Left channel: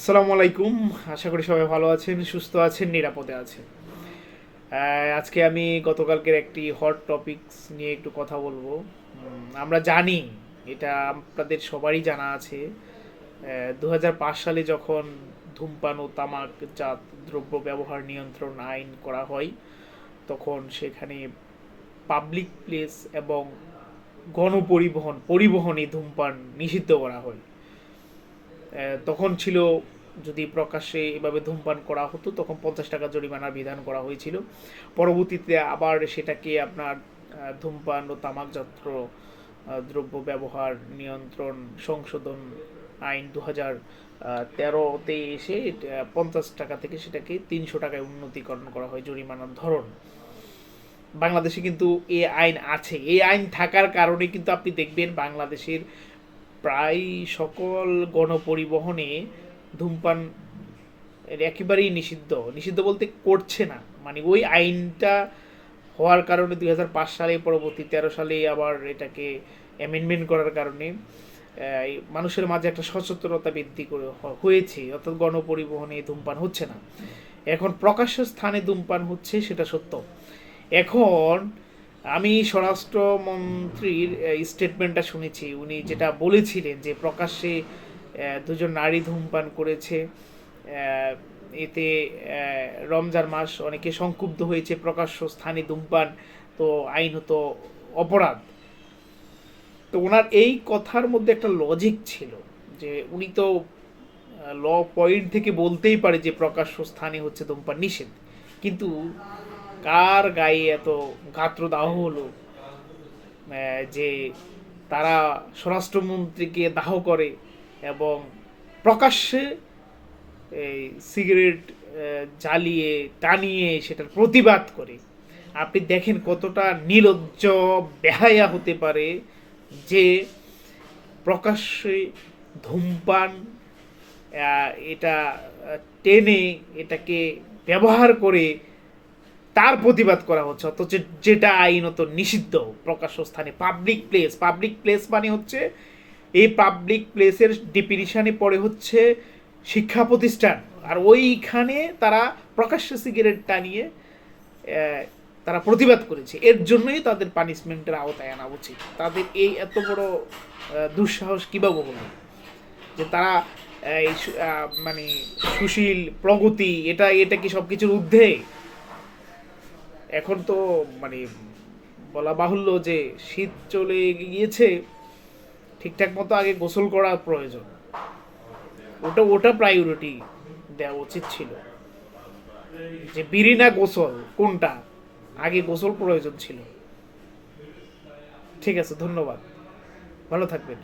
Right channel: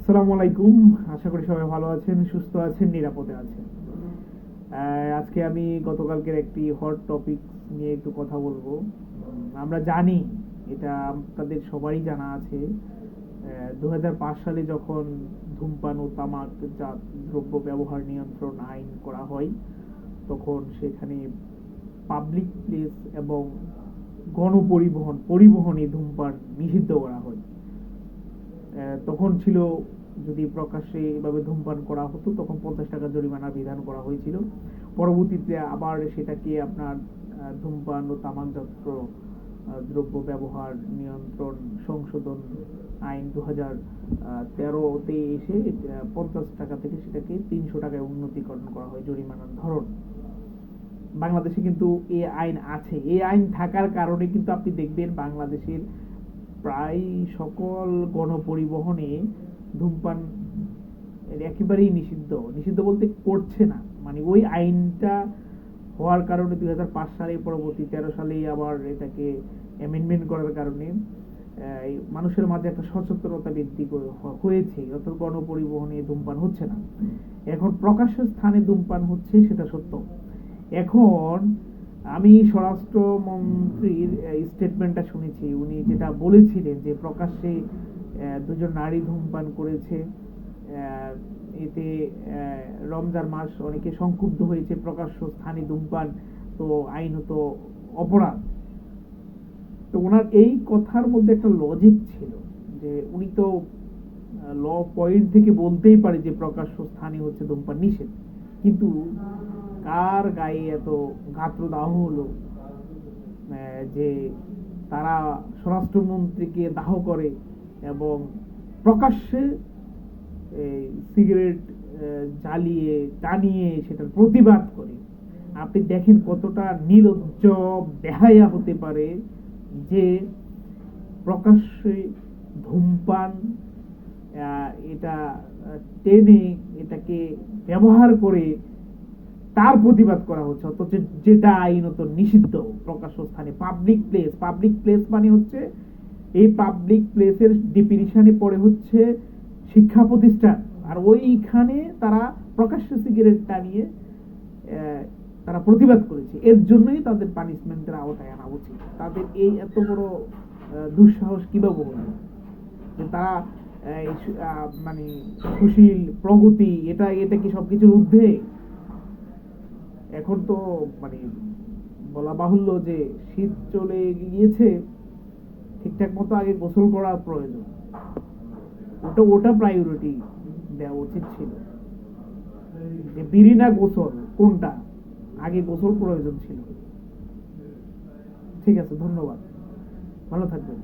আসসালামু আলাইকুম। আশা করি সবাই ভালো আছেন, সুস্থ আছেন, নিরাপদে আছেন। আজকে আমি গতকালকের একটি হট টপিকস নিয়ে একটু কথা বলবো। আমরা জানি, এটা আপনাদের সবারই জানা আছে, ২০০৫ সালে যখন ধূমপান ও তামাকজাত দ্রব্য ব্যবহার নিয়ন্ত্রণ আইন করা হয়, তখন সেখানে পাবলিক প্লেস এবং পরিবহনে ধূমপান নিষিদ্ধ করা হয়। তখন ছিল, যদি প্রকাশ্যে এভাবে ধূমপান করা হতো তখন 50 টাকা জরিমানার বিধান করা হয়েছিল। পরবর্তীতে আবার সেটাকে আপনার ধূমপান ও তামাকজাত দ্রব্য ব্যবহার নিয়ন্ত্রণ সংশোধন আইন 2013-তে এসে 50 টাকা থেকে সেটাকে 300 টাকায় উন্নতিকরণ করা হয় জরিমানার ধরন। বাংলাদেশে কিন্তু এই আইন আছে। এই আইন থাকার কারণে কিন্তু আপনি দেখবেন বাংলাদেশের প্রায় সকল গণপরিবহনে ধূমপান একেবারেই নিষিদ্ধ। নিষিদ্ধ বলতে করছে না, মানে ওই আইনটা হওয়ার কারণে 2005 সালে, পরবর্তী 13 সালে আবার এটাকে অ্যামেন্ডমেন্ট করার কারণে মানুষের মাঝে একটা সচেতনতা বৃদ্ধি হয়েছে, অর্থাৎ গণপরিবহনে ধূমপান হচ্ছে না। এখন প্রকাশ্য স্থানে ধূমপান হচ্ছে, সেটা সত্য। এখন আমি স্বরাষ্ট্রমন্ত্রীর স্টেটমেন্টটা শুনেছি। উনি যেটা বলেছিলেন যে প্রকাশ্যে দুজন নারী ধূমপান করেছে, এতে রমজান মাস, অনেকে সংক্ষুব্ধ হয়েছে। প্রকাশ্য স্থানে ধূমপান তো আইনত অপরাধ। তো ওনার এই কথার মধ্যে একটা লজিক ছিল, যে উনি তো ল পয়েন্ট থেকে বলতেই পারে যে প্রকাশ্য স্থানে হচ্ছে ধূমপান নিষেধ, কিন্তু কার গায়ে এত গাত্রদাহ হলো যে তারা স্বরাষ্ট্রমন্ত্রীকে দাহ করে এবং প্রকাশ্যে এই সিগারেট জ্বালিয়ে টানিয়ে সেটার প্রতিবাদ করে। আপনি দেখেন কতটা নির্লজ্জ বেহায়া হতে পারে যে প্রকাশ্যে ধূমপান এটা টেনে এটাকে ব্যবহার করে তার প্রতিবাদ করা হচ্ছে, অথচ যেটা আইনত নিষিদ্ধ। প্রকাশ্য স্থানে পাবলিক প্লেস মানে হচ্ছে, এই পাবলিক প্লেসের ডেফিনিশনে পড়ে হচ্ছে শিক্ষা প্রতিষ্ঠান, আর ওইখানে তারা প্রকাশ্য সিগারেট টানিয়ে তারা প্রতিবাদ করেছে। এর জন্যই তাদের পানিশমেন্টের আওতায় আনা উচিত। তাদের এই এত বড় দুঃসাহস কিভাবে হলো যে তারা মানে সুশীল প্রগতি, এটা কি সবকিছুর ঊর্ধ্বে? এখন তো মানে বলা বাহুল্য যে শীত চলে গিয়েছে, ঠিকঠাক মতো আগে গোসল করা প্রয়োজন। ওটা প্রায়োরিটি দেওয়া উচিত ছিল, যে বিড়ি না গোসল কোনটা আগে, গোসল প্রয়োজন ছিল। ঠিক আছে, ধন্যবাদ, ভালো থাকবেন।